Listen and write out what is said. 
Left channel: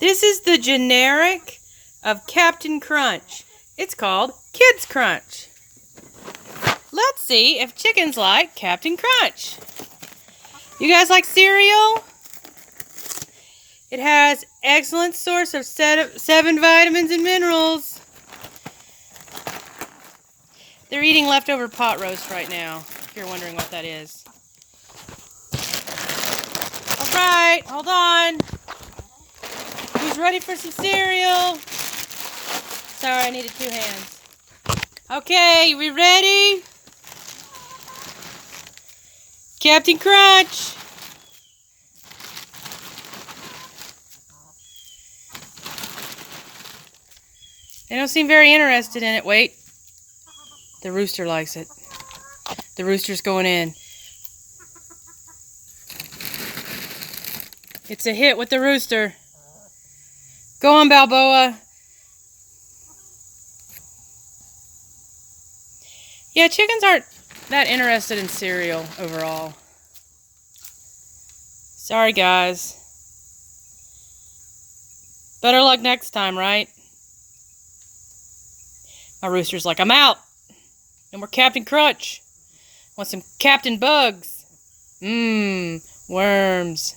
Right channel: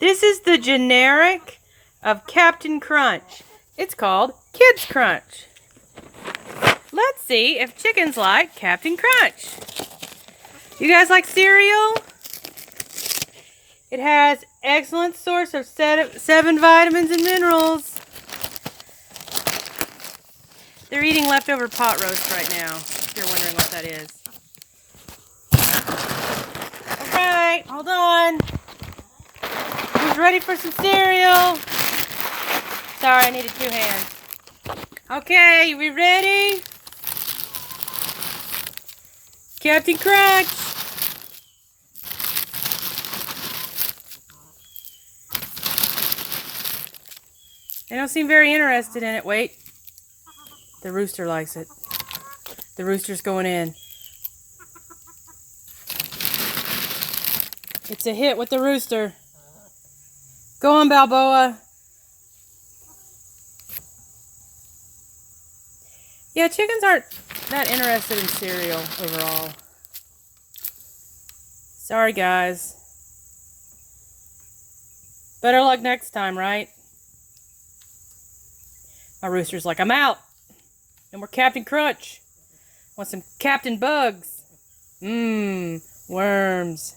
This is the generic of Captain Crunch. It's called Kids Crunch. Let's see if chickens like Captain Crunch. You guys like cereal? It has excellent source of 7 vitamins and minerals. They're eating leftover pot roast right now, if you're wondering what that is. Alright, hold on. Who's ready for some cereal? Sorry, I needed 2 hands. Okay, we ready? Captain Crunch. They don't seem very interested in it. Wait. The rooster likes it. The rooster's going in. It's a hit with the rooster. Go on, Balboa. Yeah, chickens aren't that interested in cereal overall. Sorry, guys. Better luck next time, right? My rooster's like, I'm out. No more Captain Crunch. Want some Captain Bugs. Worms.